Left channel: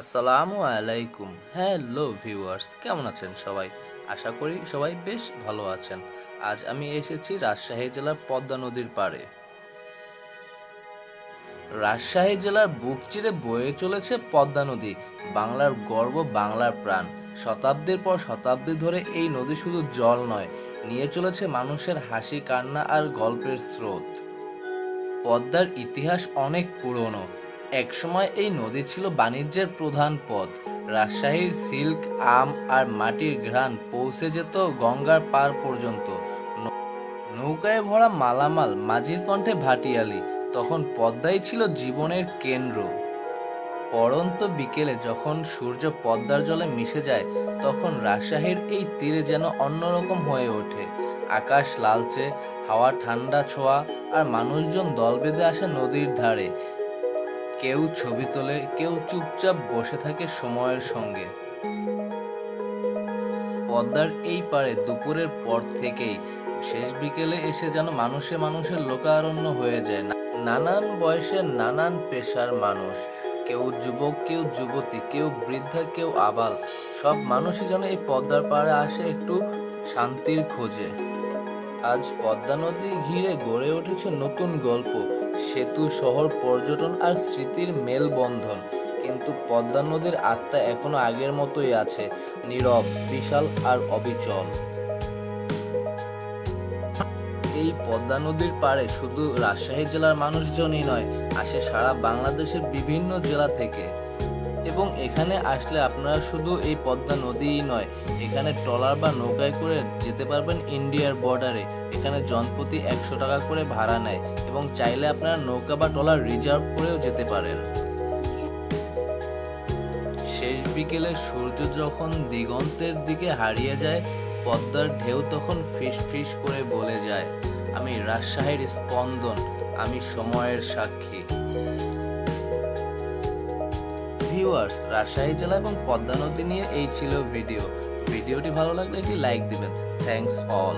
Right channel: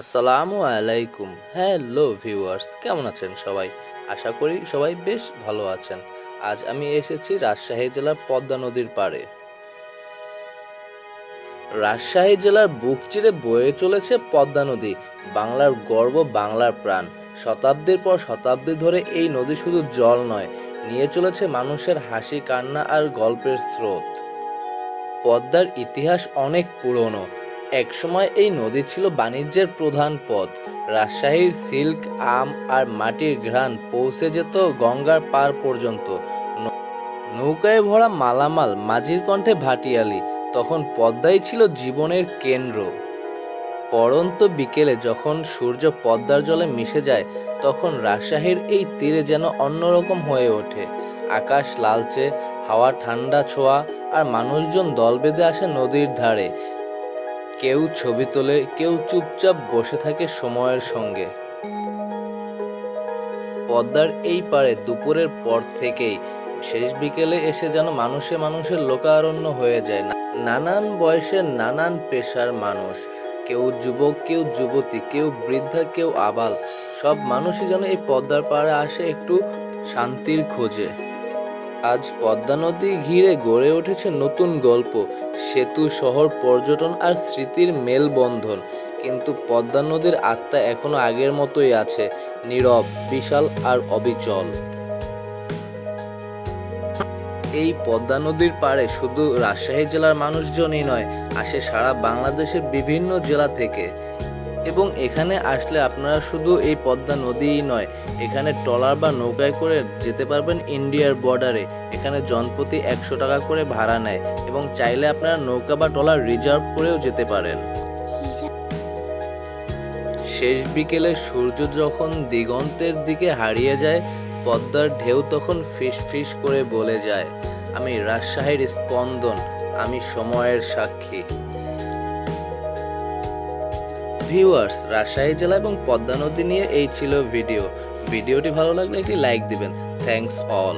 আসসালামু আলাইকুম। Hello viewers, কেমন আছেন সবাই? আশা করি সবাই বেশ ভালো আছেন। আজ আমি এসেছি রাজশাহী জেলার পদ্মা নদীর পাড়ে। রাজশাহী জেলার বুক চিরে বয়ে চলেছে পদ্মা নদী, বাংলার গর্ব, বাংলার প্রাণ। শতাব্দীর পর শতাব্দী ধরে এই নদী শুধু জল নয়, নিয়ে চলেছে মানুষের হাসি, কান্না আর গল্পের স্রোত। পদ্মার ইতিহাস অনেক পুরনো। একসময় এই নদী ছিল বাণিজ্যের প্রধান পথ। রাজশাহীর সিল্ক, আম আর মাটির ঘ্রাণ পৌঁছে যেত গঙ্গার পার পর্যন্ত। নৌকায় ভরা মালামাল, মাঝির কণ্ঠে ভাটিয়ালি, তখন পদ্মাই ছিল জীবনের কেন্দ্র। পড়ন্ত বিকেলে যখন সূর্য পদ্মার জলে মিশে যায়, তখন রাজশাহীর এই তীরে যেন অন্যরকম হয়ে ওঠে। আকাশ লালচে, হাওয়া ঠান্ডা ছোঁয়া, আর মানুষজন দল বেঁধে আসে নদীর ধারে। কেউ ছবি তোলে, কেউ চুপচাপ বসে থাকে সময়ের সঙ্গে। পদ্মার এই পারে দুপুরের পর থেকেই শেষ বিকেলে এসে যেন মানুষে মানুষের লোকারণ্য হয়ে যায়। নানান বয়সের, নানান পেশার মানুষ, কেউ যুবক, কেউ যুবতী, কেউ বৃদ্ধা, কেউ আবাল, সব মানুষই যেন এই পদ্মার পাড়ে আসে একটু শান্তির খোঁজে। আজ পদ্মা নদী ঘিরে গড়ে উঠেছে নতুন গল্প, সেতু, শহর, পর্যটন আর স্মৃতির মেলবন্ধন। কিন্তু পদ্মা নদীর আত্মা এখনো আগের মতোই আছে, নীরব, বিশাল আর অবিচল। এই পদ্মা নদীর পাড়ে শুধু রাজশাহী জেলার মানুষজনই নয়, আসে সারা বাংলাদেশের বিভিন্ন জেলা থেকে। এবং এখানে আসলে আপনারা শুধু এই পদ্মা নদীই নয়, এখানে ট্রলার বা নৌকায় করে যেতে পারবেন ইন্ডিয়ার বর্ডারে। এখানে জনপ্রতি 100 টাকা করে ভাড়া নেয়, এবং চাইলে আপনারা নৌকা বা ট্রলার রিজার্ভ করেও যেতে পারেন। শেষ বিকেলে সূর্য যখন দিগন্তের দিকে হারিয়ে যায়, পদ্মার ঢেউ তখন ফিস ফিস করে বলে যায়, আমি রাজশাহীর স্পন্দন, আমি সময়ের সাক্ষী। ভিউয়ার্স, রাজশাহী জেলা এবং পদ্মা নদী নিয়ে এই ছিল ভিডিওটি ভালো লাগলে একটি লাইক দিবেন। Thanks all.